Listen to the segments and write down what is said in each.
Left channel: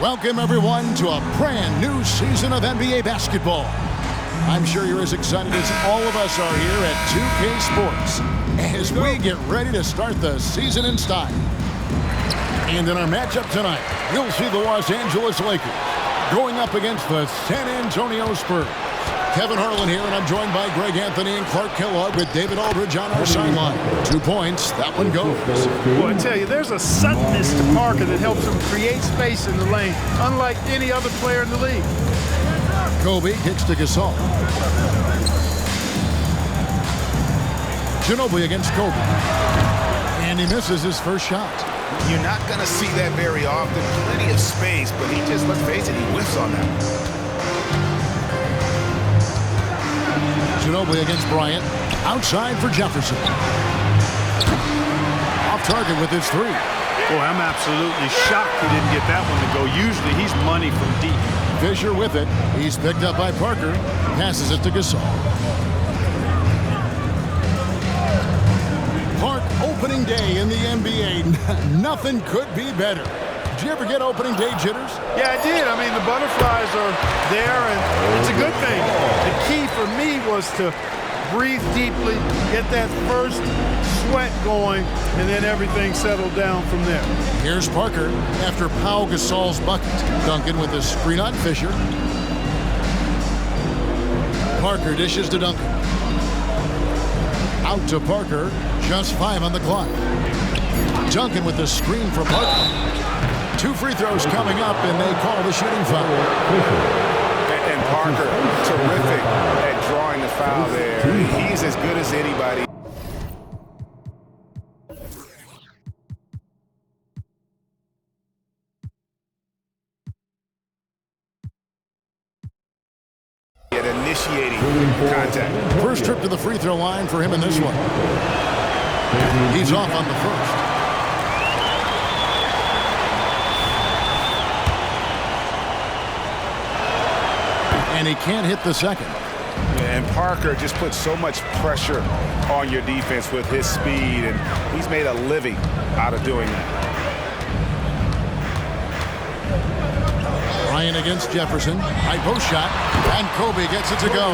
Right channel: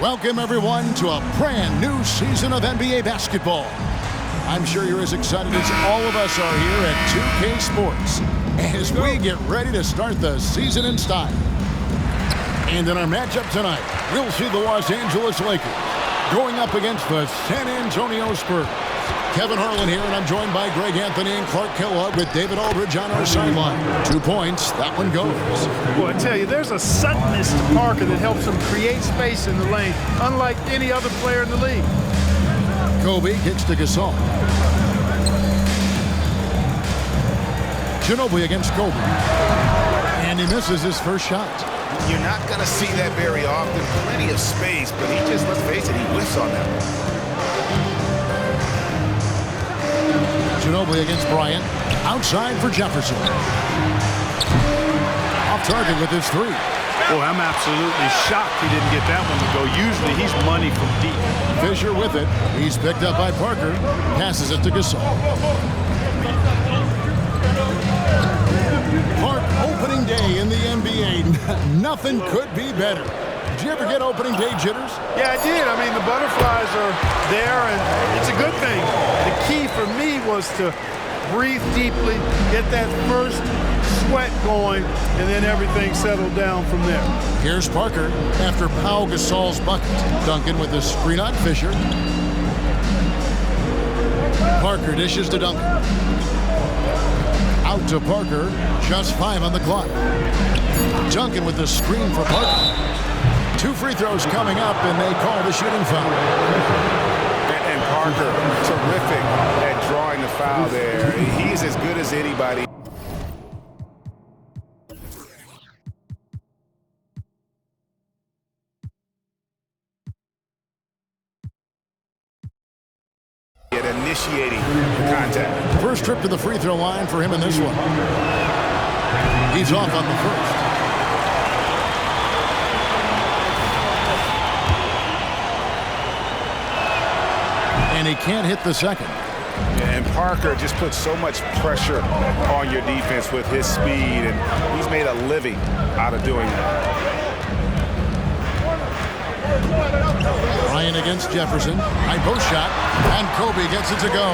Welcome, everyone, to a brand new season of NBA basketball. I'm sure you're as excited as all of us are here at 2K Sports as we get ready to start the season in style. And in our matchup tonight, we'll see the Los Angeles Lakers going up against the San Antonio Spurs. Kevin Harlan here, and I'm joined by Greg Anthony and Clark Kellogg with David Aldridge on our sideline. 2 points, that one goes. Well, I tell you, there's a suddenness to Parker that helps him create space in the lane, unlike any other player in the league. Kobe kicks to Gasol. Ginobili against Kobe. And he misses his first shot. You're not going to see that very often. Plenty of space, but he just, let's face it, he whiffs on that one. Ginobili against Bryant. Outside for Jefferson. Off target with his three. Boy, I'm absolutely shocked he didn't get that one to go. Usually he's money from deep. Fisher with it. He's picked up by Parker. Passes it to Gasol. Park, opening day in the NBA. Nothing could be better. Did you ever get opening day jitters? Yeah, I did. I mean, the butterflies are there, and it's a good thing. The key for me was to breathe deeply, get that first sweat going, and then everything settled down from there. Here's Parker after Pau Gasol's bucket. Duncan with the screen on Fisher. Parker dishes to Duncan. Out to Parker. Just 5 on the clock. Duncan with the screen for Parker. 2 free throws coming up, and they call the shooting foul. And Parker, terrific at drawing the foul there. He's as good as anybody. At initiating contact. First trip to the free throw line for him in this one. He's off on the first. And he can't hit the second. And Parker just puts so much pressure on your defense with his speed, and he's made a living out of doing that. Ryan against Jefferson. High post shot, and Kobe gets it to go.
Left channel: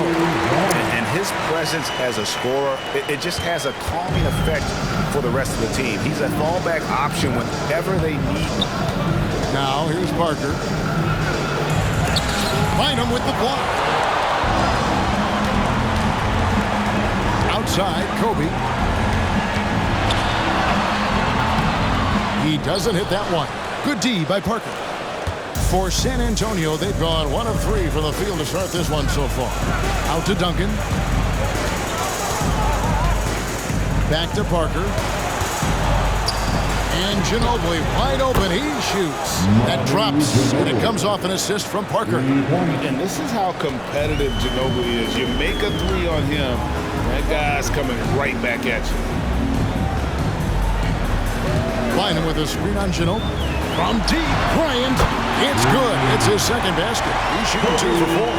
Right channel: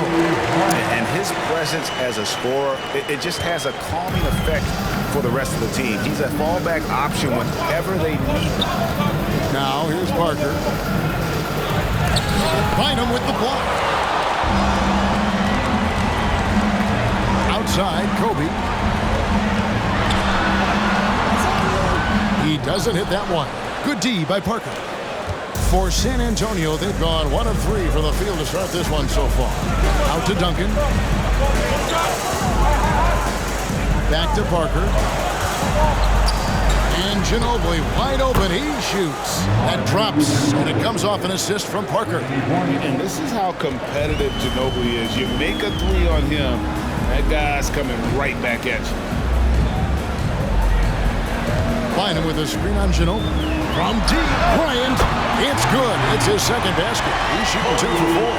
And his presence as a scorer, it just has a calming effect for the rest of the team. He's a fallback option whenever they need him. Now here's Parker. Bynum with the block. Outside, Kobe. He doesn't hit that one. Good D by Parker. For San Antonio, they've gone 1 of 3 from the field to start this one so far. Out to Duncan. Back to Parker. And Ginobili wide open. He shoots. That drops, and it comes off an assist from Parker. And this is how competitive Ginobili is. You make a 3 on him, that guy's coming right back at you. Bynum with a screen on Ginobili. From deep, Bryant. It's good. It's his second basket. He's shooting 2 for 4.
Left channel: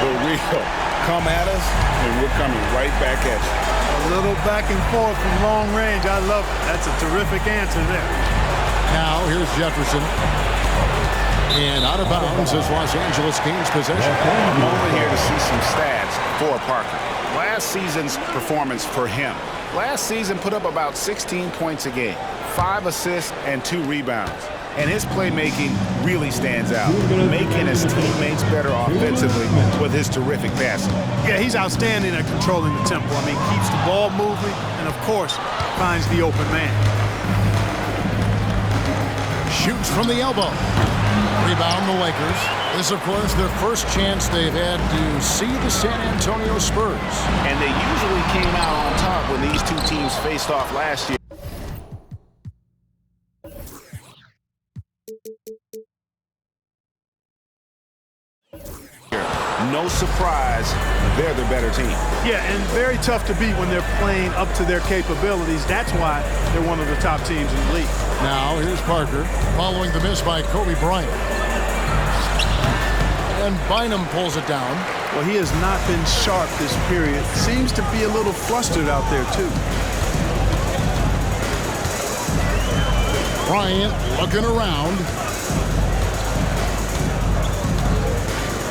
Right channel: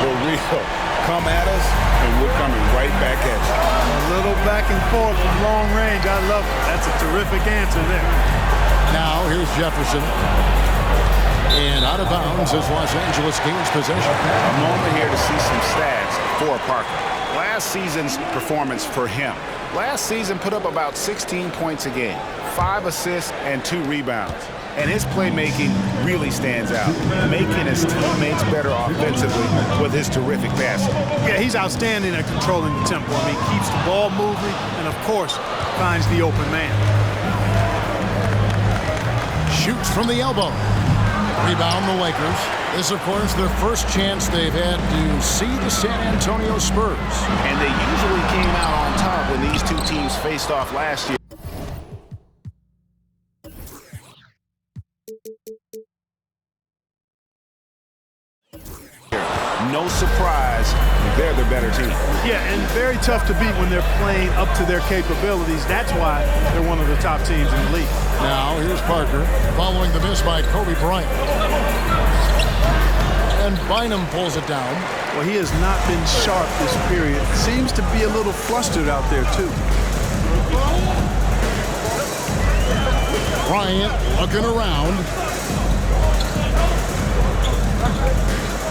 The real. Come at us, and we're coming right back at you. A little back and forth from long range. I love it. That's a terrific answer there. Now here's Jefferson. And out of bounds as Los Angeles gains possession. A moment here to see some stats for Parker. Last season's performance for him. Last season put up about 16 points a game, 5 assists, and 2 rebounds. And his playmaking really stands out, making his teammates better offensively with his terrific passing. Yeah, he's outstanding at controlling the tempo. I mean, keeps the ball moving and, of course, finds the open man. Shoots from the elbow. Rebound the Lakers. This, of course, their first chance they've had to see the San Antonio Spurs. And they usually came out on top when these two teams faced off last year. No surprise, they're the better team. Yeah, and very tough to beat when they're playing up to their capabilities. That's why they're one of the top teams in the league. Now here's Parker following the miss by Kobe Bryant. And Bynum pulls it down. Well, he has not been sharp this period. Seems to be a little flustered out there, too. Bryant looking around.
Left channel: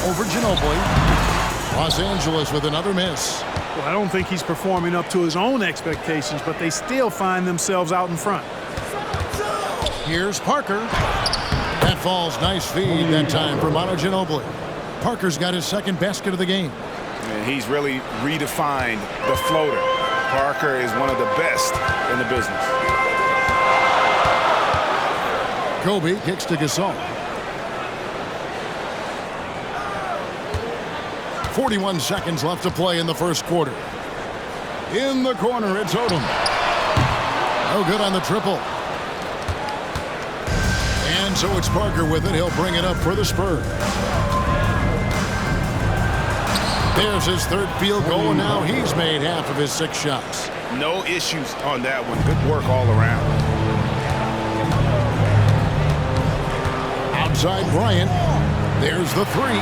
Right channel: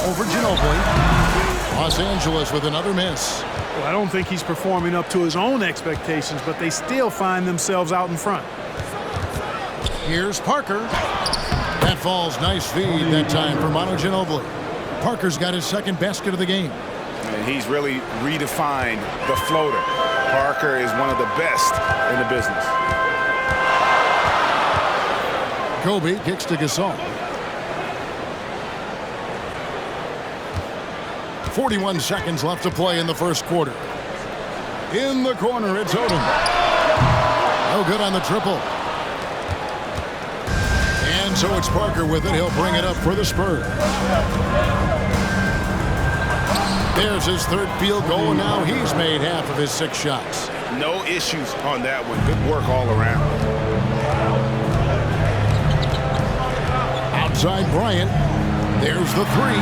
over Ginobili. Los Angeles with another miss. Well, I don't think he's performing up to his own expectations, but they still find themselves out in front. Here's Parker. That falls. Nice feed that time for Manu Ginobili. Parker's got his second basket of the game. And he's really redefined the floater. Parker is one of the best in the business. Kobe kicks to Gasol. 41 seconds left to play in the first quarter. In the corner, it's Odom. No good on the triple. And so it's Parker with it. He'll bring it up for the Spurs. There's his third field goal, and now he's made half of his 6 shots. No issues on that one. Good work all around. Outside Bryant. There's the 3.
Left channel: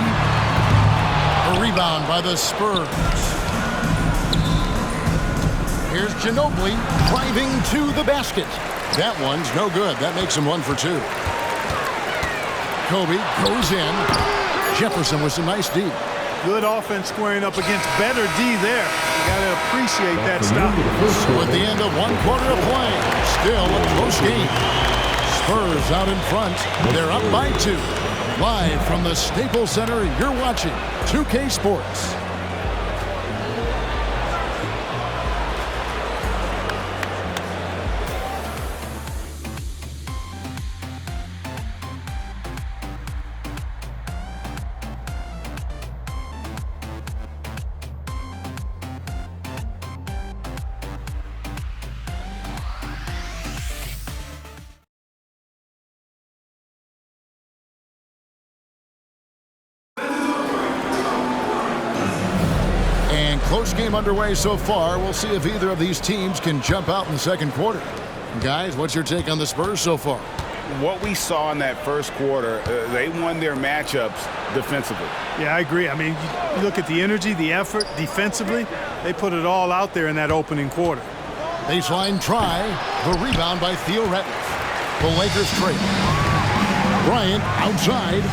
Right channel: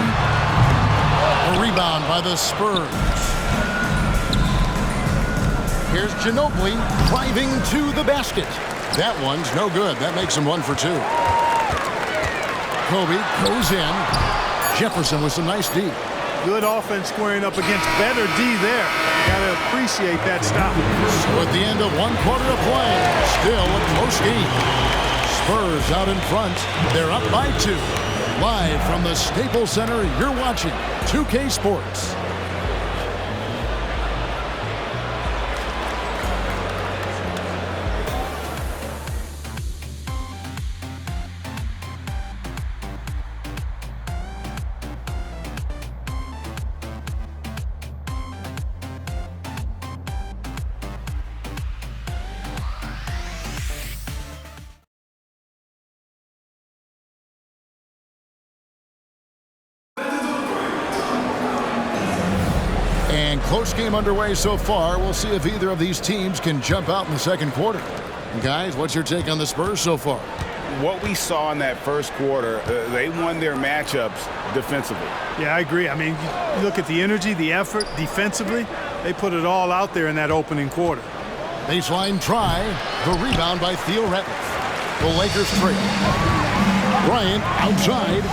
A rebound by the Spurs. Here's Ginobili driving to the basket. That one's no good. That makes him 1 for 2. Kobe goes in. Jefferson with some nice D. Good offense squaring up against better D there. You got to appreciate that stop. So at the end of 1 quarter of play, still a close game. Spurs out in front. They're up by 2. Live from the Staples Center, you're watching 2K Sports. And close game underway so far. We'll see if either of these teams can jump out in the second quarter. Guys, what's your take on the Spurs so far? What we saw in that first quarter, they won their matchups defensively. Yeah, I agree. I mean, you look at the energy, the effort defensively, they put it all out there in that opening quarter. Baseline try. The rebound by Theo Ratliff. The Lakers trail. Bryant outside.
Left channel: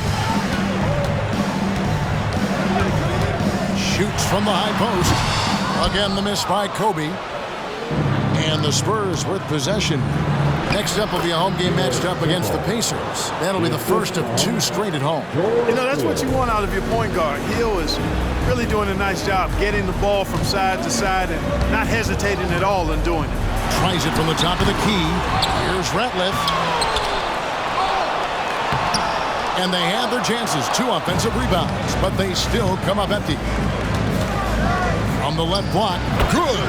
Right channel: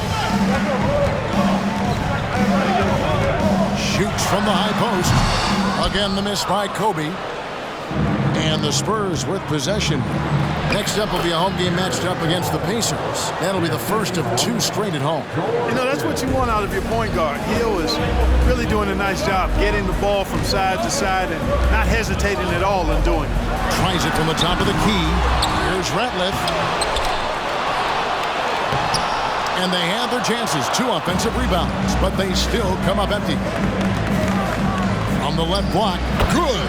Shoots from the high post. Again, the miss by Kobe. And the Spurs with possession. Next up will be a home game matched up against the Pacers. That'll be the first of 2 straight at home. You know, that's what you want out of your point guard. Hill is really doing a nice job getting the ball from side to side and not hesitating at all in doing it. Tries it from the top of the key. Here's Ratliff. And they have their chances. 2 offensive rebounds, but they still come up empty. From the left block. Good.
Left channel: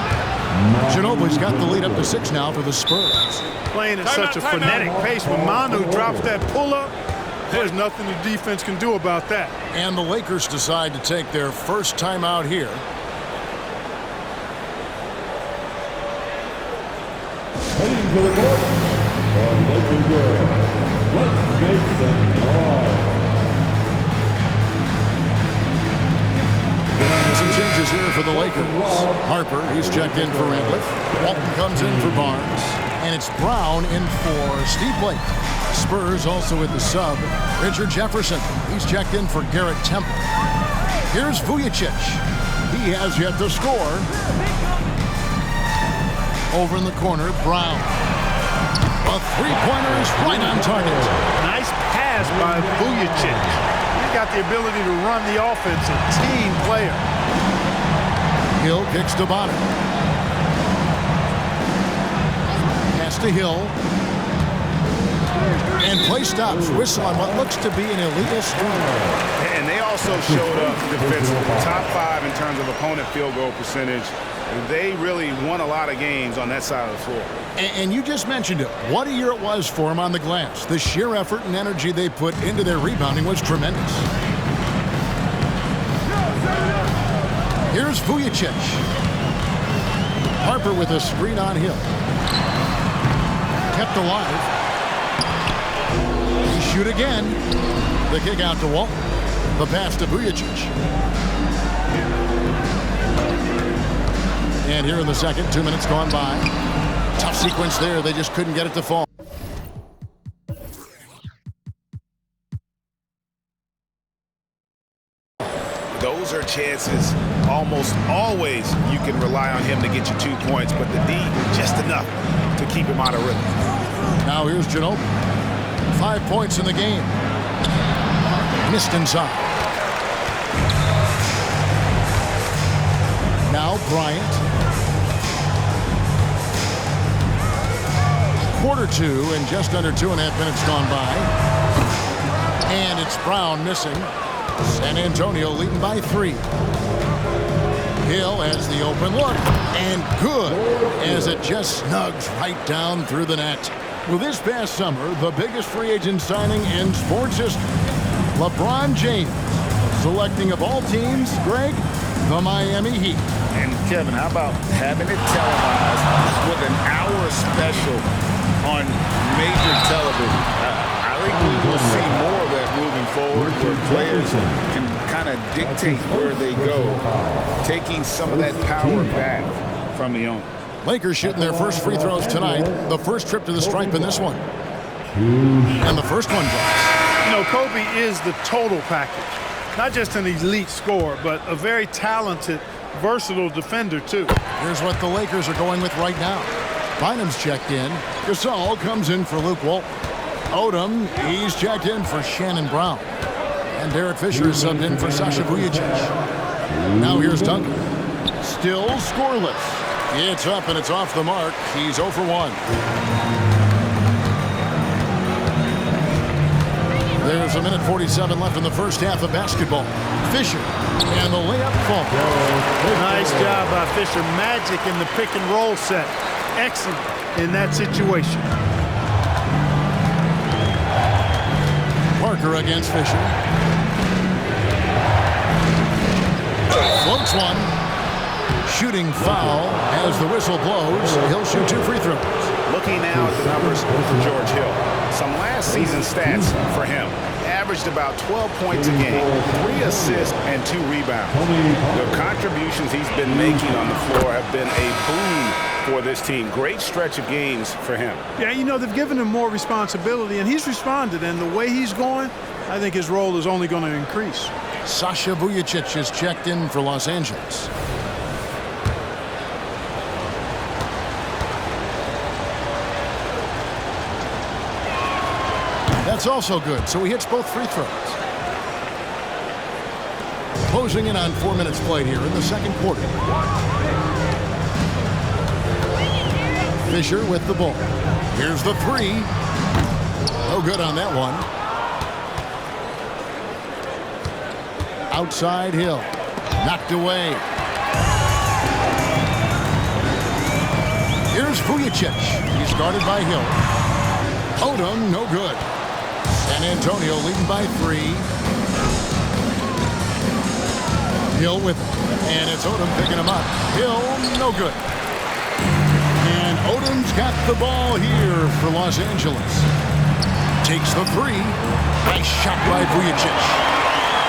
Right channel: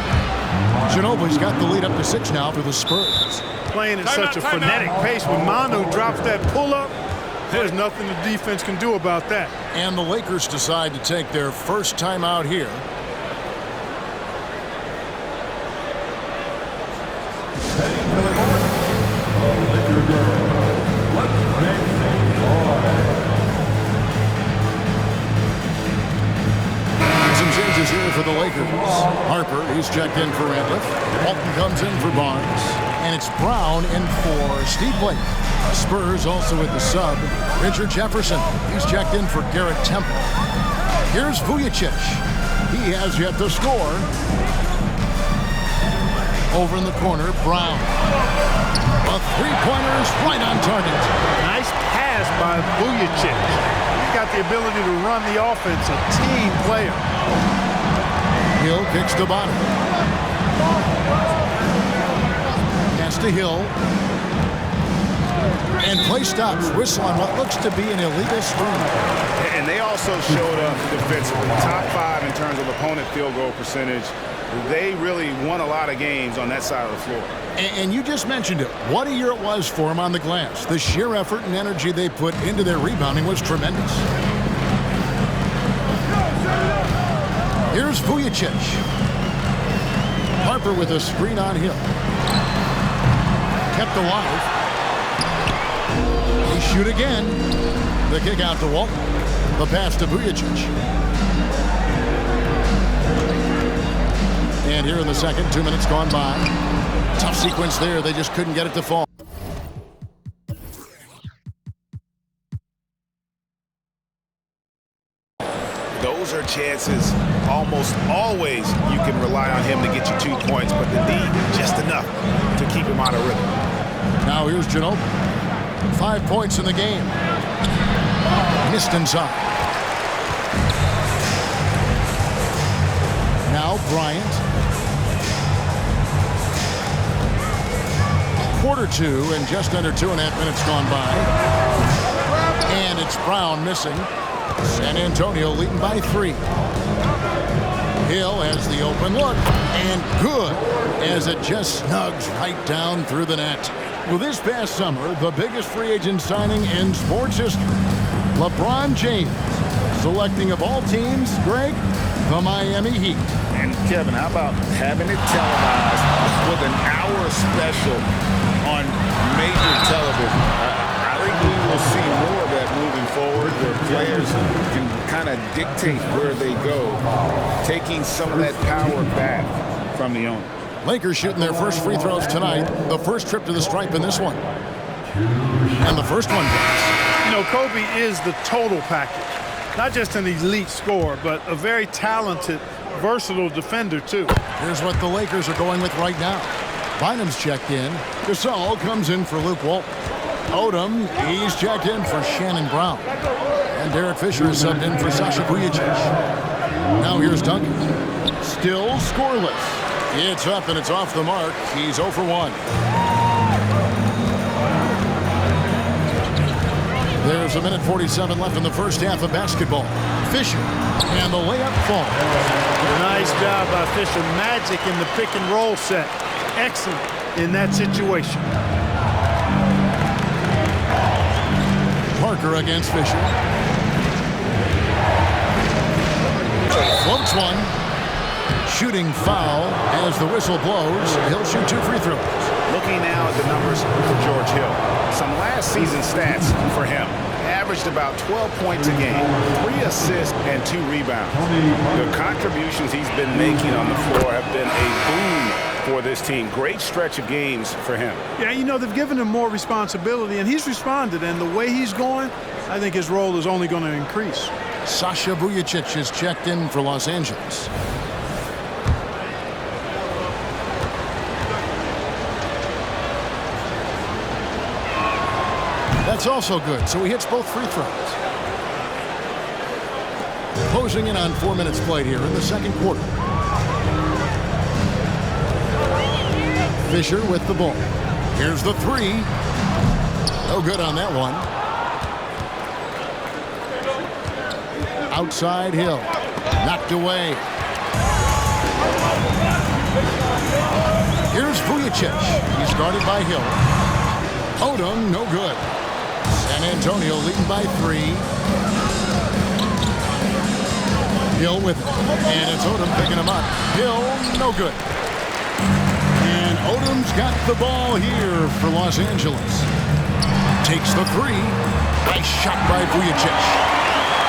Ginobili's got the lead up to 6 now for the Spurs. Playing at such a frenetic pace. When Manu drops that pull-up, there's nothing the defense can do about that. And the Lakers decide to take their first time out here. Heading to the court, the Lakers girl. Let's make things hard. Some changes here for the Lakers. Harper, he's checked in for Ratliff. Walton comes in for Barnes. And it's Brown in for Steve Blake. Spurs also with the sub. Richard Jefferson, he's checked in for Garrett Temple. Here's Vujicic. He has yet to score. Over in the corner, Brown. A 3-pointer is right on target. Nice pass by Vujicic. He's got the ability to run the offense, a team player. Hill kicks to Bonner. Pass to Hill. And play stops. Whistle on what looks to be an illegal screen. And they also showed up defensively. Top 5 in terms of opponent field goal percentage. They really won a lot of games on that side of the floor. And you just mentioned it. What a year it was for them on the glass. The sheer effort and energy they put into their rebounding was tremendous. Here's Vujicic. Harper with a screen on Hill. Kept alive. They shoot again. The kick out to Walton. The pass to Vujicic. And here in the second, 2 minutes gone by. Tough sequence there. They just couldn't get it to fall. buzzer chances, almost always you can rely on him to get you 2 points, but the D, just enough to keep him out of rhythm. Now here's Ginobili. 5 points in the game. Missed inside. Now Bryant. Quarter 2 and just under 2.5 minutes gone by. And it's Brown missing. San Antonio leading by 3. Hill has the open look, and good, as it just snugs right down through the net. Well, this past summer, the biggest free agent signing in sports history, LeBron James, selecting of all teams, Greg, the Miami Heat. And Kevin, how about having it televised with an hour special on major television? I think we will see more of that moving forward, where players can kind of dictate where they go, taking some of that power back from the owner. Lakers shooting their first free throws tonight. The first trip to the stripe in this one. And the first one drops. You know, Kobe is the total package. Not just an elite scorer, but a very talented, versatile defender, too. Here's what the Lakers are going with right now. Bynum's checked in. Gasol comes in for Luke Walton. Odom, he's checked in for Shannon Brown. And Derek Fisher is subbed in for Sasha Vujacic. Now here's Duncan. Still scoreless. It's up and it's off the mark. He's 0 for 1. There's 1:47 left in the first half of basketball. Fisher, and the layup falls. Nice job by Fisher. Magic in the pick and roll set. Excellent in that situation. Parker against Fisher. Floats one. Shooting foul as the whistle blows. He'll shoot 2 free throws. Looking now at the numbers for George Hill. Some last season stats for him. Averaged about 12 points a game, 3 assists, and 2 rebounds. The contributions he's been making on the floor have been a boon for this team. Great stretch of games for him. Yeah, you know, they've given him more responsibility, and he's responded. And the way he's going, I think his role is only going to increase. Sasha Vujacic is checked in for Los Angeles. That's also good, so he hits both free throws. Closing in on 4 minutes played here in the second quarter. Fisher with the ball. Here's the 3. No good on that one. Outside Hill. Knocked away. Here's Vujacic. He's guarded by Hill. Odom, no good. San Antonio leading by 3. Hill with it. And it's Odom picking him up. Hill, no good. And Odom's got the ball here for Los Angeles. Takes the 3. Nice shot by Vujacic.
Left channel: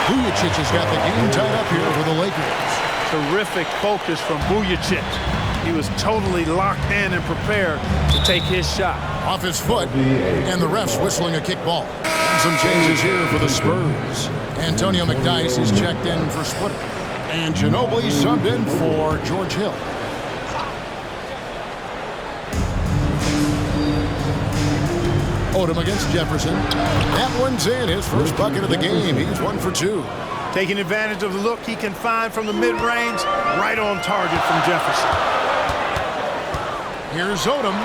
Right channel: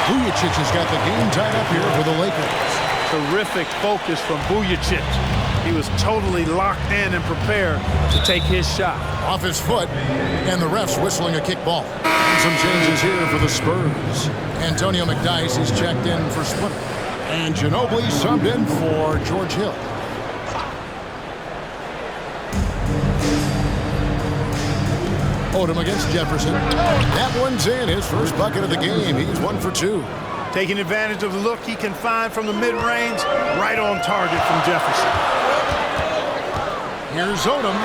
Vujacic has got the game tied up here for the Lakers. Terrific focus from Vujacic. He was totally locked in and prepared to take his shot. Off his foot, and the ref's whistling a kick ball. And some changes here for the Spurs. Antonio McDyess is checked in for Splitter. And Ginobili subbed in for George Hill. Odom against Jefferson. That one's in, his first bucket of the game. He's 1 for 2. Taking advantage of the look he can find from the mid-range, right on target from Jefferson. Here's Odom.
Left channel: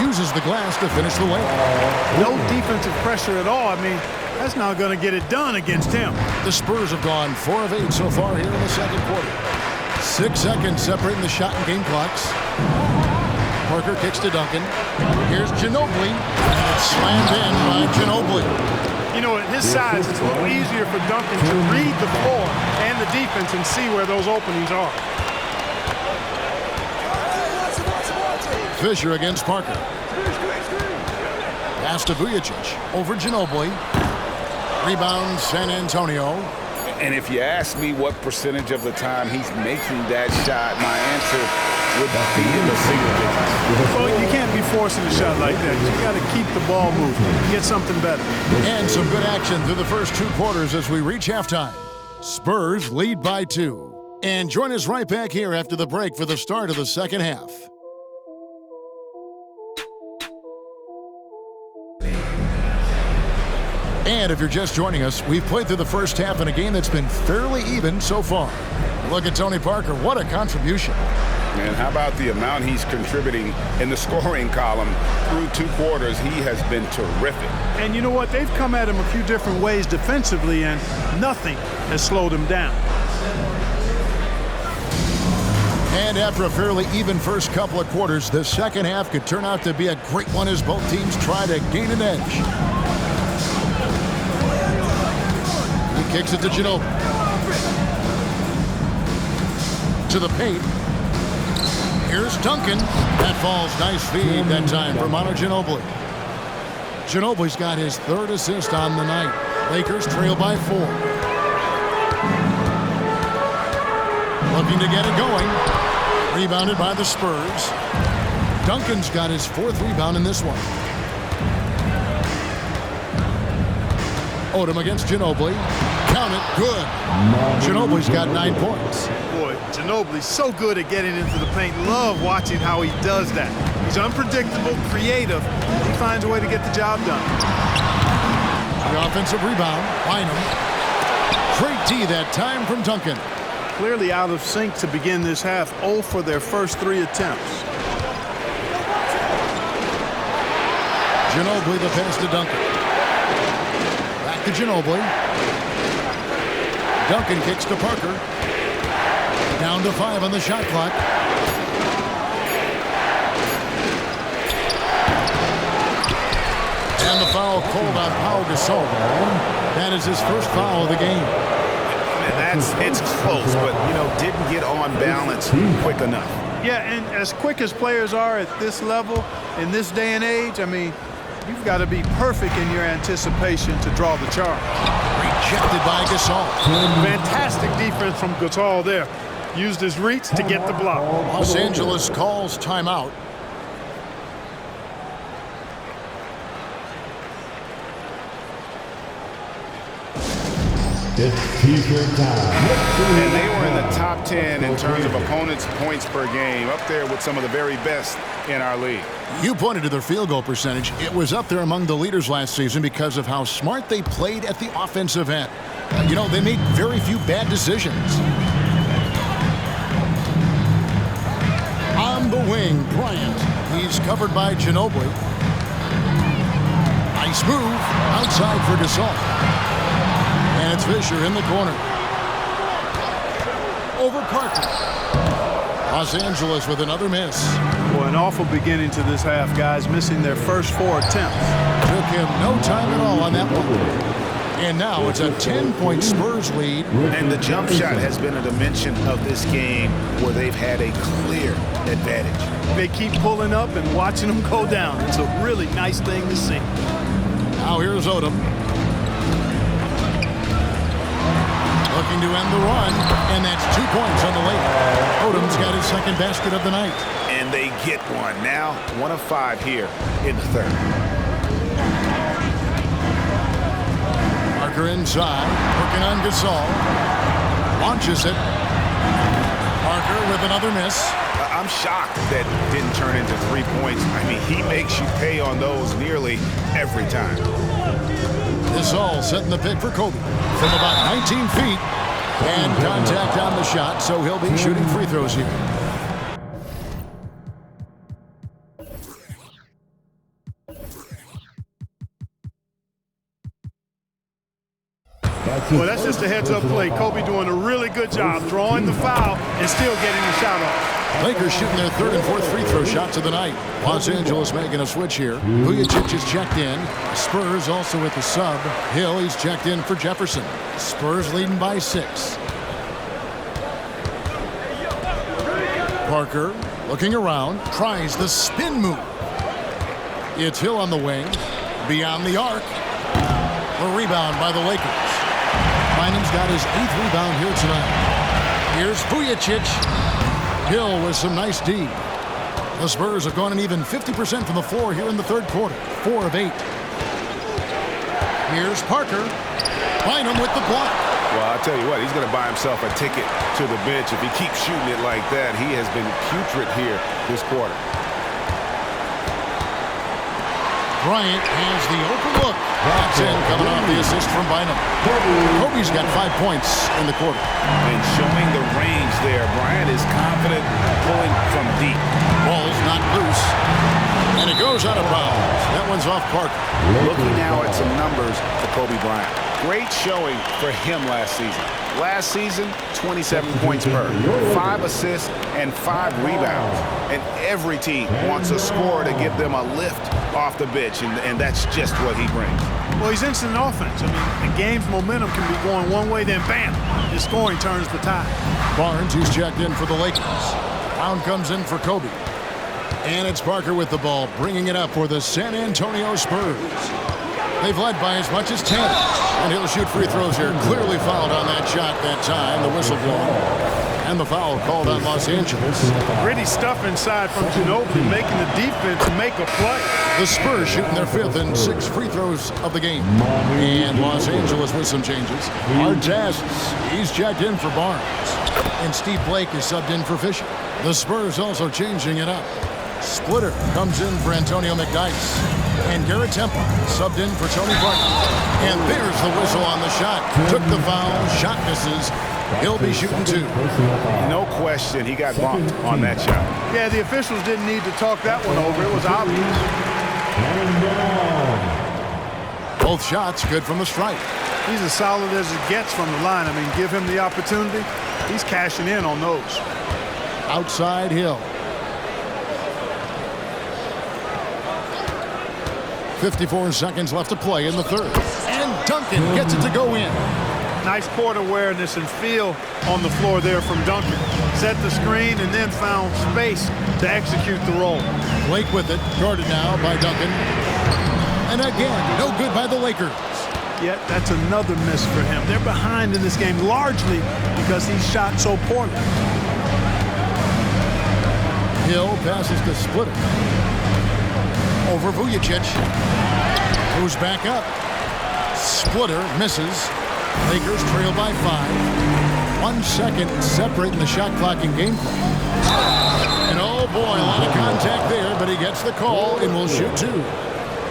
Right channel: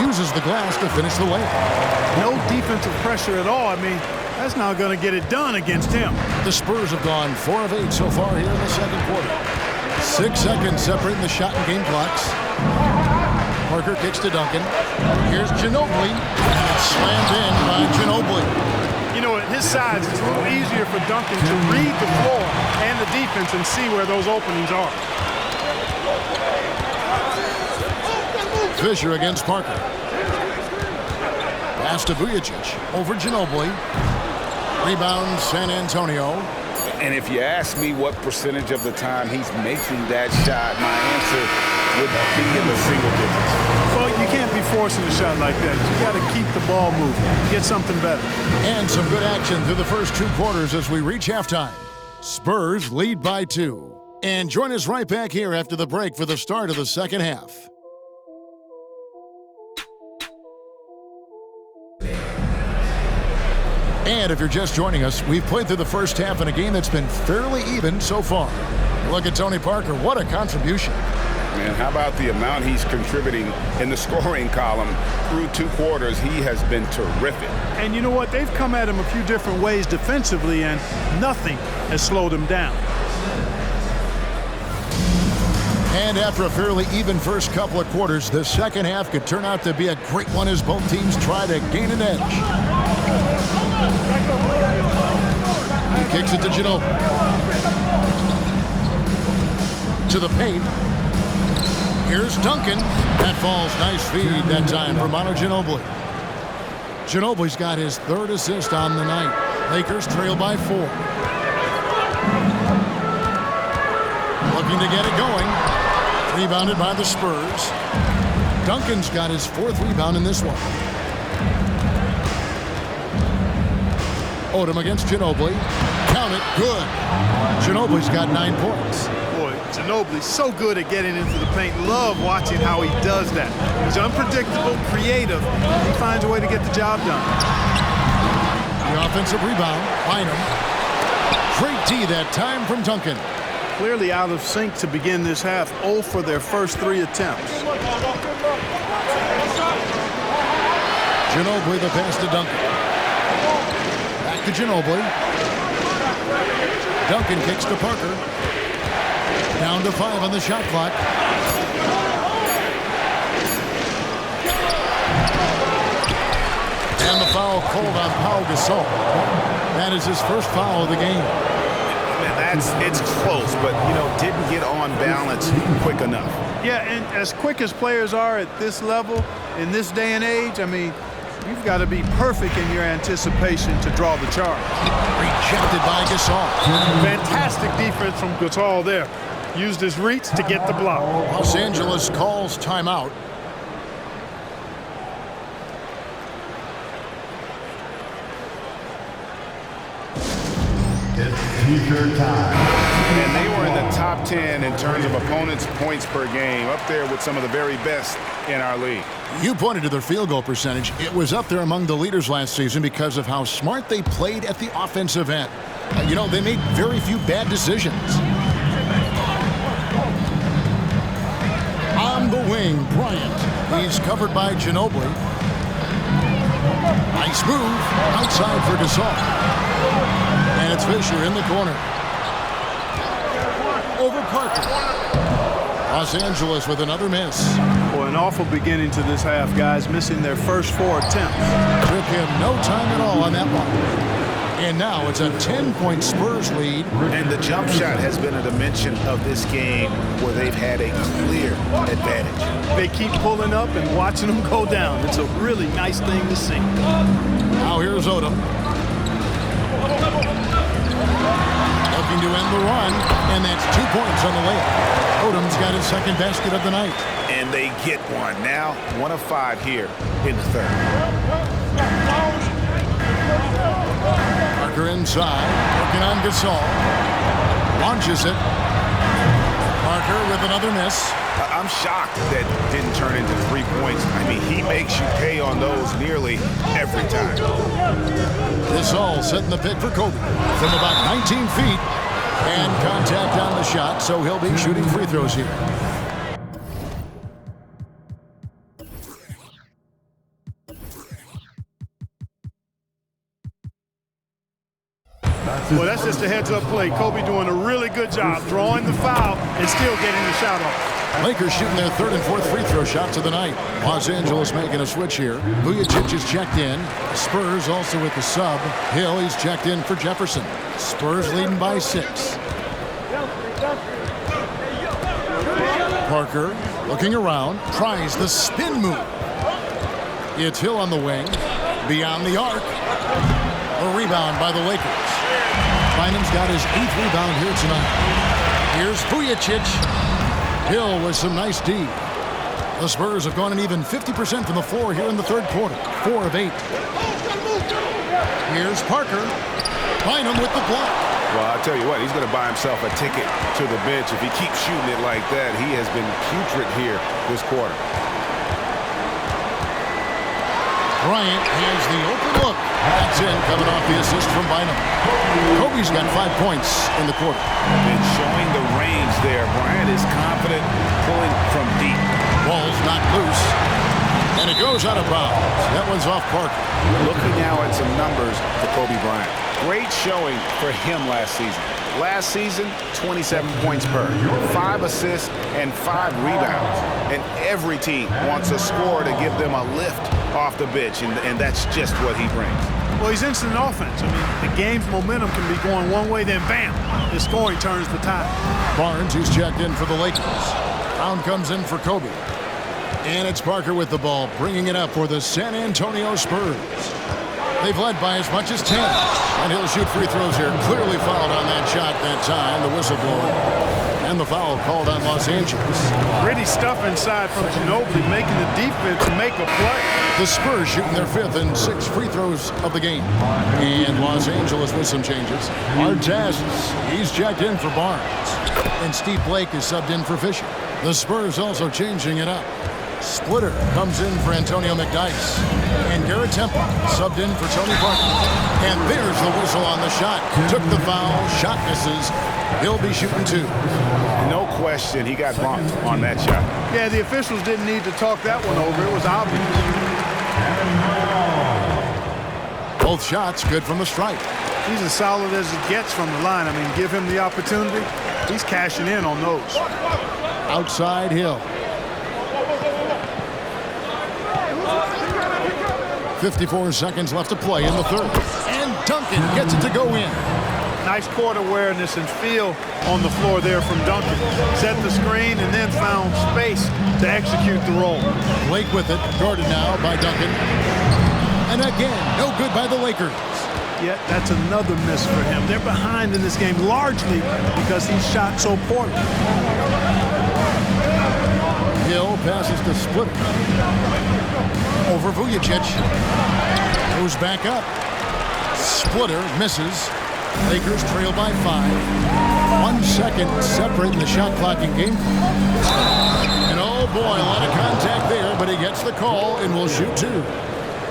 Uses the glass to finish the layup. No defensive pressure at all. I mean, that's not going to get it done against him. The Spurs have gone 4 of 8 so far here in the second quarter. 6 seconds separating the shot and game clocks. Parker kicks to Duncan. Here's Ginobili, and it's slammed in by Ginobili. You know, at his size, it's a little easier for Duncan to read the floor and the defense and see where those openings are. Fisher against Parker. Pass to Vujacic over Ginobili. Rebound San Antonio. And if you ask me what percentage of the time he's making that shot, my answer would be in the single digits. Well, you can't be forcing a shot like that. You got to keep the ball moving, get something better. And some good action through the first 2 quarters as we reach halftime. Spurs lead by 2. And join us right back here after the break for the start of the second half. And if you're just joining us, we've played through the first half in a game that's been fairly even so far. Look at Tony Parker. What a contribution. Man, how about the amount he's contributing in the scoring column through 2 quarters? He has been terrific. And you know what? They've come at him a few different ways defensively, and nothing has slowed him down. And after a fairly even first couple of quarters, the second half could turn out to be a great one as both teams try to gain an edge. He kicks it to Ginobili. To the paint. Here's Duncan. That falls. Nice feed that time for Manu Ginobili. Ginobili's got his 3rd assist on the night. Lakers trail by 4. Looking to get it going. Rebounded by the Spurs. Duncan's got his 4th rebound in this one. Odom against Ginobili. Count it. Good. Ginobili's got 9 points. Boy, Ginobili's so good at getting into the paint. Love watching how he does that. He's unpredictable, creative. He finds a way to get the job done. The offensive rebound. Bynum. Great D that time from Duncan. Clearly out of sync to begin this half. 0 for their first 3 attempts. Ginobili the pass to Duncan. Back to Ginobili. Duncan kicks to Parker. Down to 5 on the shot clock. And the foul called on Pau Gasol. That is his first foul of the game. Man, it's close, but, didn't get on balance quick enough. Yeah, and as quick as players are at this level, in this day and age, I mean, you've got to be perfect in your anticipation to draw the charge. Rejected by Gasol. Fantastic defense from Gasol there. Used his reach to get the block. Los Angeles calls timeout. It's T-shirt time. And they were in the top 10 in terms of opponents' points per game, up there with some of the very best in our league. You pointed to their field goal percentage. It was up there among the leaders last season because of how smart they played at the offensive end. They made very few bad decisions. On the wing, Bryant. He's covered by Ginobili. Nice move. Outside for Gasol. And it's Fisher in the corner. Over Parker. Los Angeles with another miss. Boy, an awful beginning to this half, guys. Missing their first 4 attempts. Took him no time at all on that one. And now it's a 10-point Spurs lead. And the jump shot has been a dimension of this game where they've had a clear advantage. They keep pulling up and watching them go down. It's a really nice thing to see. Now here's Odom. Looking to end the run, and that's 2 points on the layup. Odom's got his 2nd basket of the night. And they get one. Now 1 of 5 here in the 3rd. Parker inside, working on Gasol. Launches it. Parker with another miss. I'm shocked that didn't turn into 3 points. I mean, he makes you pay on those nearly every time. This all setting the pick for Kobe from about 19 feet. And contact on the shot, so he'll be shooting free throws here. Well, that's just a heads-up play. Kobe doing a really good job drawing the foul and still getting the shot off. Lakers shooting their 3rd and 4th free throw shots of the night. Los Angeles making a switch here. Vujacic is checked in. Spurs also with the sub. Hill, he's checked in for Jefferson. Spurs leading by 6. Parker looking around, tries the spin move. It's Hill on the wing. Beyond the arc. A rebound by the Lakers. Bynum's got his 8th rebound here tonight. Here's Vujacic. Hill with some nice D. The Spurs have gone an even 50% from the floor here in the 3rd quarter. 4 of 8. Here's Parker. Bynum with the block. Well, I'll tell you what, he's going to buy himself a ticket to the bench. If he keeps shooting it like that, he has been putrid here this quarter. Bryant has the open look. That's in, coming off the assist from Bynum. Kobe's got 5 points in the quarter. And showing the range there. Bryant is confident pulling from deep. Ball's knocked loose. And it goes out of bounds. That one's off Parker. Looking now at some numbers for Kobe Bryant. Great showing for him last season. Last season, 27 points per, 5 assists, and 5 rebounds. And every team wants a scorer to give them a lift off the bench, and that's just what he brings. Well, he's instant offense. I mean, the game's momentum can be going one way, then bam, his scoring turns the tide. Barnes, he's checked in for the Lakers. Brown comes in for Kobe. And it's Parker with the ball, bringing it up for the San Antonio Spurs. They've led by as much as 10. And he'll shoot free throws here. Clearly fouled on that shot that time. The whistle blowing. And the foul called on Los Angeles. Gritty stuff inside from Ginobili, making the defense make a play. The Spurs shooting their 5th and 6th free throws of the game. And Los Angeles with some changes. Artest, he's checked in for Barnes. And Steve Blake is subbed in for Fisher. The Spurs also changing it up. Splitter comes in for Antonio McDyess. And Garrett Temple subbed in for Tony Parker. And there's the whistle on the shot. Took the foul, shot misses. He'll be shooting 2. No question he got bumped on that shot. Yeah, the officials didn't need to talk that one over. It was obvious. Both shots good from the stripe. He's as solid as it gets from the line. I mean, give him the opportunity. He's cashing in on those. Outside Hill. 54 seconds left to play in the 3rd. And Duncan gets it to go in. Nice court awareness and feel on the floor there from Duncan. Set the screen and then found space to execute the roll. Blake with it, guarded now by Duncan. And again, no good by the Lakers. Yet that's another miss for him. They're behind in this game largely because he shot so poorly. Hill passes to Splitter. Over Vujicic. Goes back up. Splitter misses. Lakers trail by 5. 1 second separating the shot clock and game clock. And oh boy, a lot of contact there, but he gets the call and will shoot 2.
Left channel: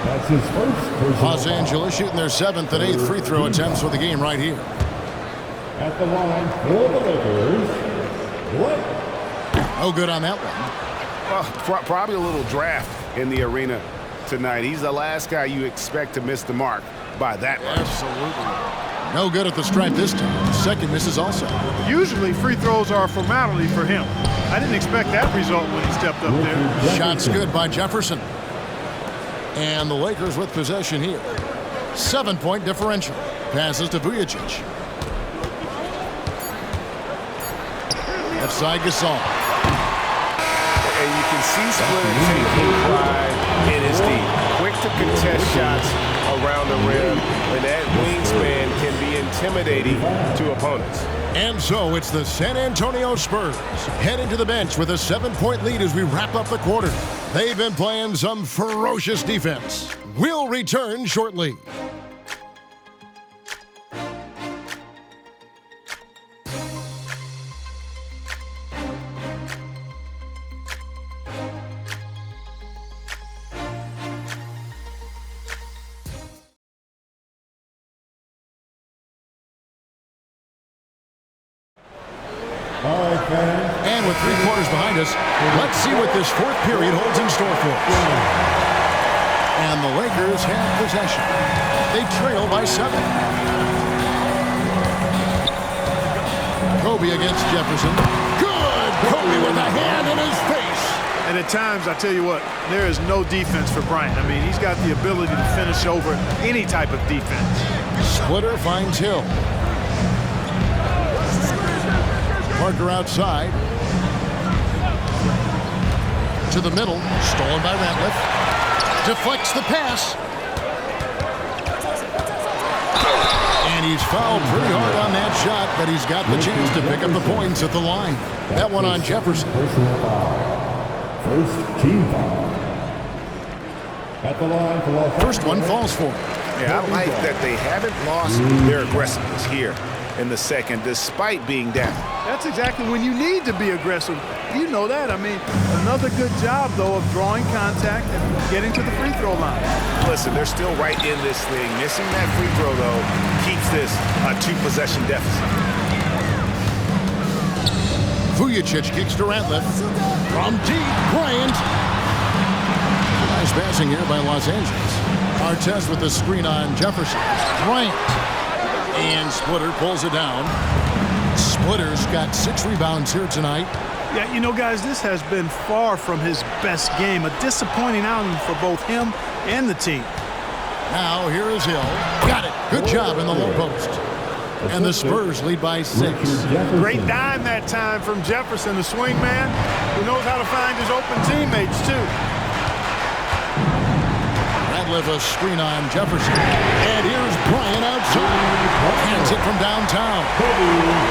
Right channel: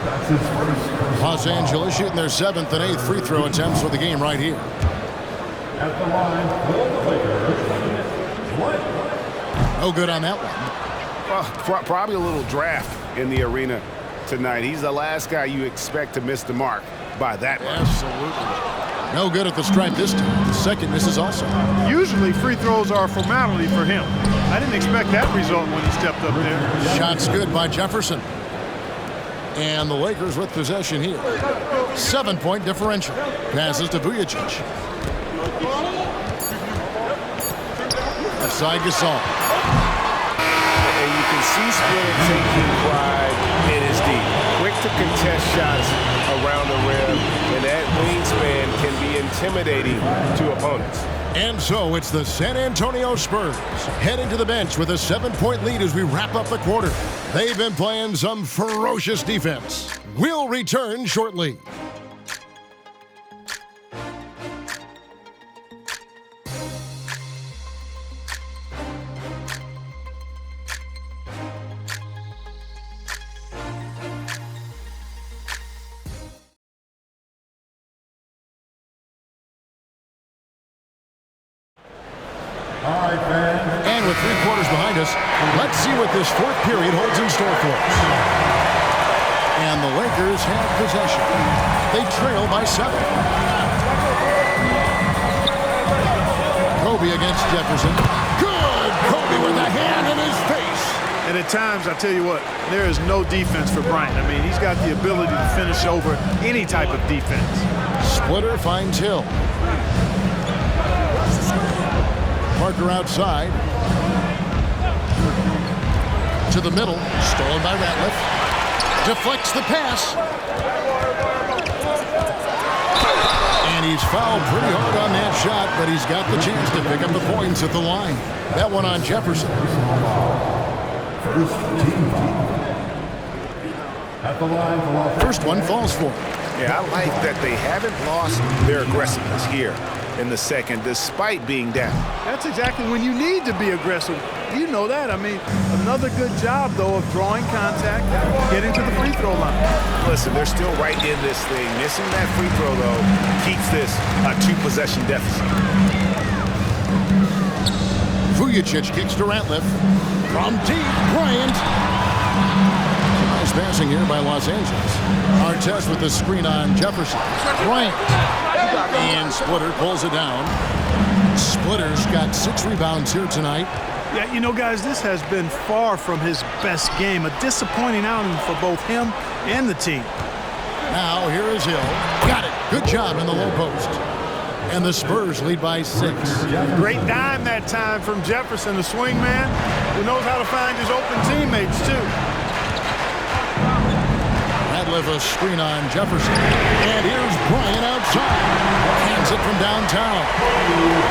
That's his first. Los Angeles shooting their 7th and 8th free throw attempts for the game right here. At the line for the Lakers, Blake. No good on that one. Well, probably a little draft in the arena tonight. He's the last guy you expect to miss the mark by that much. Absolutely. No good at the stripe this time. Second misses also. Usually free throws are a formality for him. I didn't expect that result when he stepped up there. Shots good by Jefferson. And the Lakers with possession here. 7-point differential. Passes to Vujicic. Left side Gasol. And you can see Splitter taking pride in his D. Quick to contest shots around the rim, and that wingspan can be intimidating to opponents. And so it's the San Antonio Spurs heading to the bench with a 7-point lead as we wrap up the quarter. They've been playing some ferocious defense. We'll return shortly. All right, fans. And with 3 quarters behind us, let's see what this 4th period holds in store for us. And the Lakers have possession. They trail by 7. Kobe against Jefferson. Good! Kobe with a hand in his face. And at times, I tell you what, there is no defense for Bryant. I mean, he's got the ability to finish over any type of defense. Splitter finds Hill. Parker outside. To the middle. Stolen by Ratliff. Deflects the pass. And he's fouled pretty hard on that shot, but he's got the chance to pick up the points at the line. That one on Jefferson. First team foul. At the line for First one falls for him. Yeah, I like that they haven't lost their aggressiveness here. in the second despite being down. That's exactly when you need to be aggressive. You know that. I mean, another good job, though, of drawing contact and getting to the free throw line. Listen, they're still right in this thing. Missing that free throw, though, keeps this a 2-possession deficit. Vujicic kicks to Ratliff. From deep, Bryant. Nice passing here by Los Angeles. Artest with the screen on Jefferson. Bryant. And Splitter pulls it down. Splitter's got 6 rebounds here tonight. Yeah, you know, guys, this has been far from his best game. A disappointing outing for both him and the team. Now here is Hill. Got it. Good job in the low post. And the Spurs lead by 6. Great dime that time from Jefferson, the swing man, who knows how to find his open teammates, too. Ratliff a screen on Jefferson. And here's Bryant outside. Hands it from downtown.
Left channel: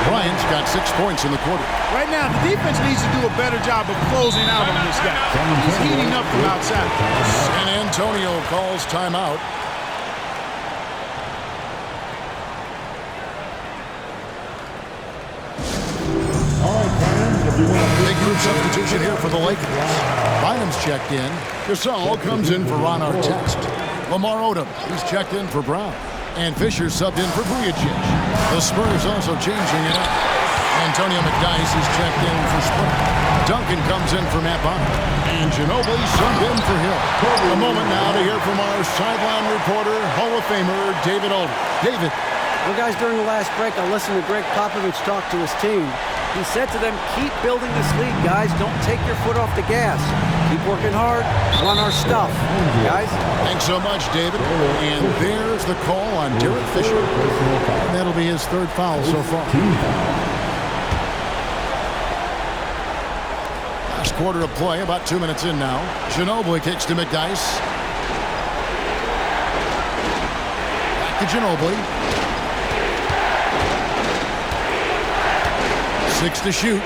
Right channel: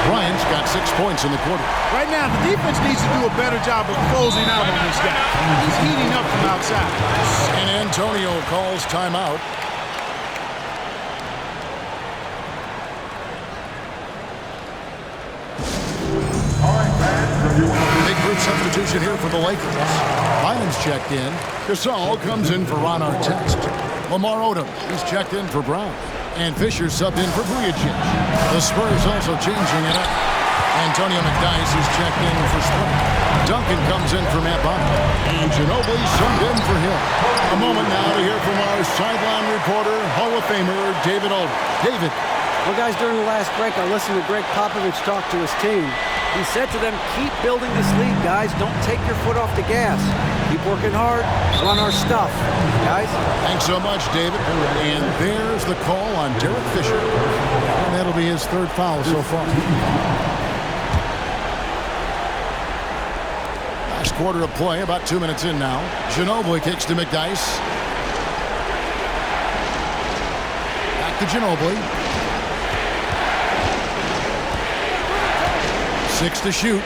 Bryant's got 6 points in the quarter. Right now, the defense needs to do a better job of closing out on this guy. He's heating up from outside. San Antonio calls timeout. Big group substitution here for the Lakers. Bynum's checked in. Gasol comes in for Ron Artest. Lamar Odom, he's checked in for Brown. And Fisher subbed in for Vujicic. The Spurs also changing it up. Antonio McDyess is checked in for Splitter. Duncan comes in for Matt Bonner. And Ginobili subbed in for Hill. A moment now to hear from our sideline reporter, Hall of Famer David Aldridge. David. Well, guys, during the last break, I listened to Greg Popovich talk to his team. He said to them, keep building this lead, guys. Don't take your foot off the gas. Keep working hard. Run our stuff, guys. Thanks so much, David. And there's the call on Derek Fisher. And that'll be his 3rd foul so far. Last quarter of play, about 2 minutes in now. Ginobili kicks to McDyess. Back to Ginobili. 6 to shoot.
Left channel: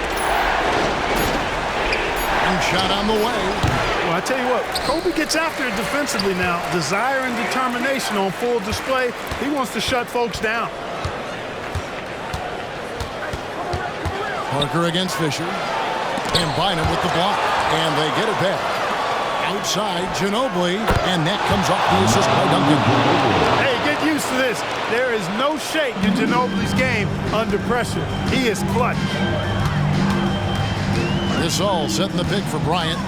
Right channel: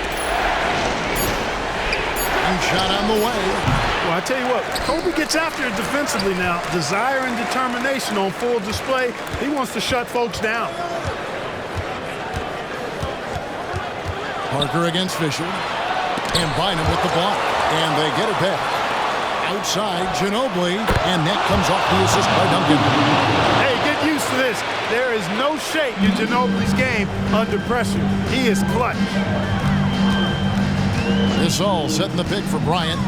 And shot on the way. Well, I tell you what, Kobe gets after it defensively now. Desire and determination on full display. He wants to shut folks down. Parker against Fisher. And Bynum with the block. And they get it back. Outside, Ginobili. And that comes off the assist by Duncan. Hey, get used to this. There is no shake in Ginobili's game under pressure. He is clutch. This all setting the pick for Bryant.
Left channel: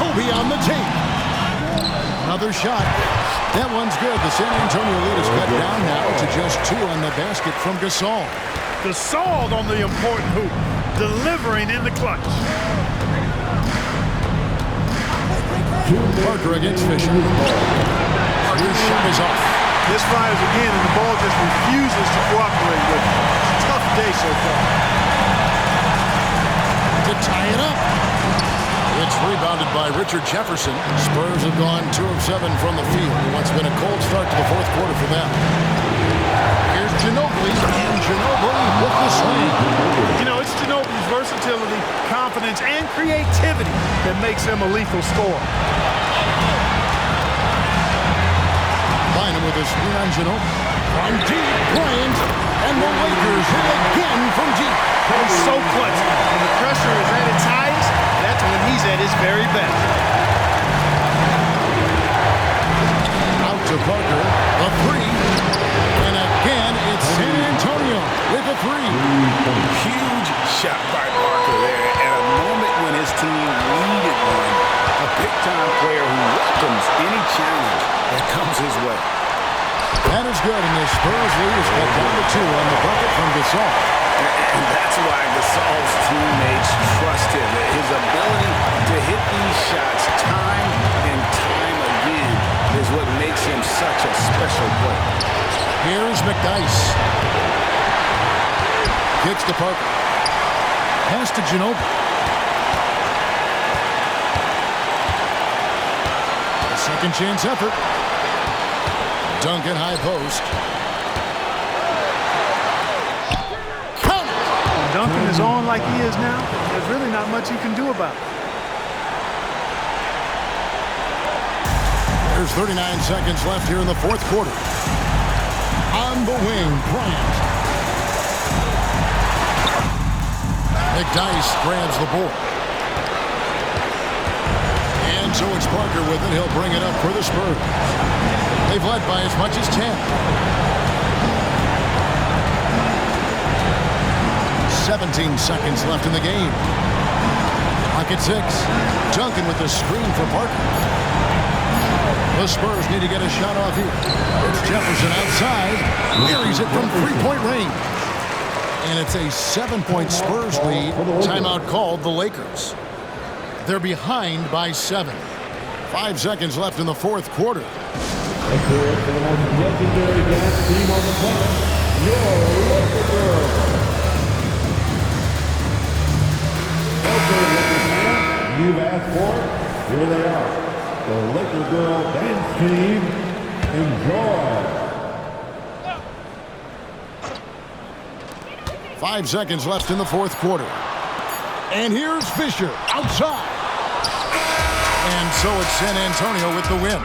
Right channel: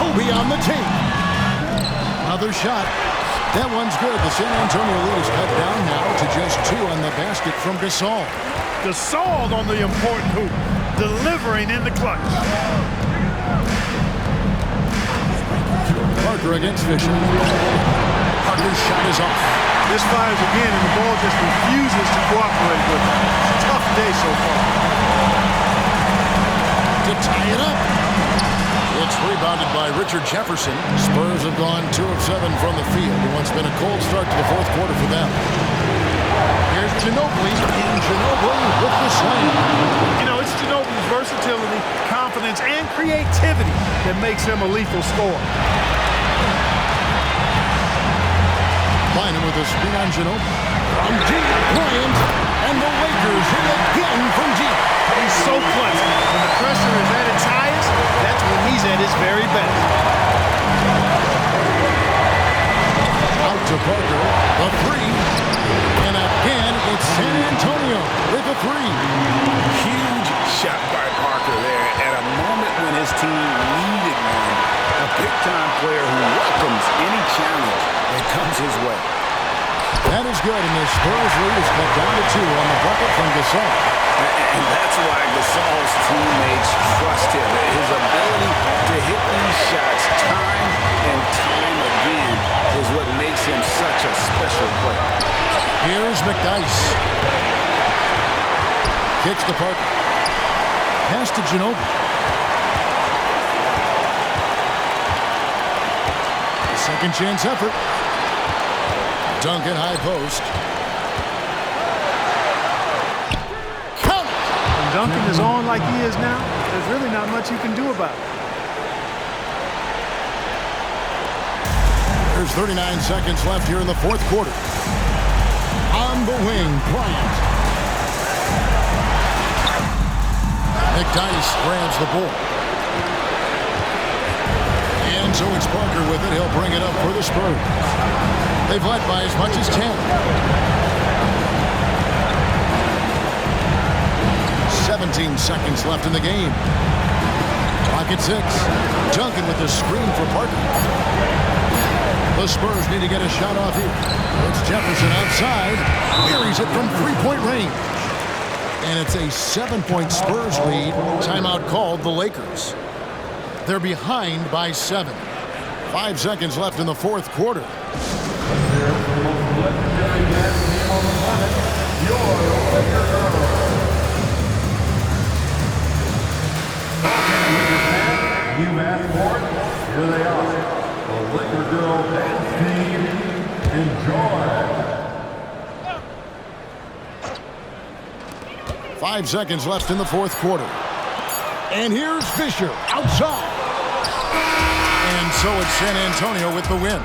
Kobe on the take. Another shot. That one's good. The San Antonio lead is cut down now to just 2 on the basket from Gasol. Gasol on the important hoop, delivering in the clutch. Parker against Fisher. Parker's shot is off. This fires again, and the ball just refuses to cooperate with him. It's a tough day so far. To tie it up. It's rebounded by Richard Jefferson. Spurs have gone 2 of 7 from the field in what's been a cold start to the 4th quarter for them. Here's Ginobili, and Ginobili with the slam. You know, it's Ginobili's versatility, confidence, and creativity that makes him a lethal scorer. Bynum with a screen on Ginobili. From deep, Bryant, and the Lakers hit again from deep. He's so clutch. When the pressure is at its highest, that's when he's at his very best. Out to Parker, the 3. And again, it's San Antonio with a 3. Huge shot by Parker there at a moment when his team needed one. A big-time player who welcomes any challenge that comes his way. That is good, and the Spurs lead is cut down to 2 on the bucket from Gasol. And that's why Gasol's teammates trust him. His ability to hit these shots time and time again is what makes him such a special player. Here's McDyess. Kicks to Parker. Pass to Ginobili. A second chance effort. Duncan high post. Count it! When Duncan is on like he is now, there's really not much you can do about it. There's 39 seconds left here in the 4th quarter. On the wing, Bryant. McDyess grabs the ball. And so it's Parker with it. He'll bring it up for the Spurs. They've led by as much as 10. 17 seconds left in the game. Clock at 6. Duncan with the screen for Parker. The Spurs need to get a shot off here. It's Jefferson outside. Buries it from three-point range. And it's a 7-point Spurs lead. Timeout called the Lakers. They're behind by 7. 5 seconds left in the fourth quarter. And there for the most legendary dance team on the planet, your Laker Girls. Okay, Lakers fans, you've asked for it. Here they are. The Laker Girl dance team. Enjoy. 5 seconds left in the fourth quarter. And here's Fisher outside. And so it's San Antonio with the win.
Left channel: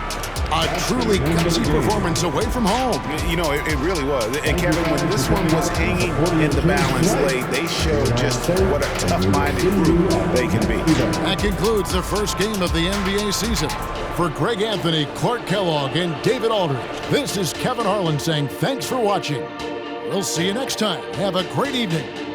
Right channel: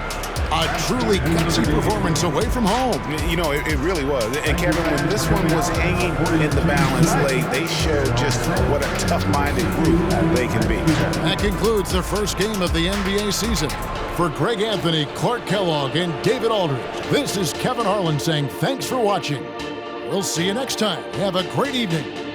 A truly gutsy performance away from home. You know, it really was. And Kevin, when this one was hanging in the balance late, they showed just what a tough-minded group they can be. That concludes the first game of the NBA season. For Greg Anthony, Clark Kellogg, and David Aldridge, this is Kevin Harlan saying thanks for watching. We'll see you next time. Have a great evening.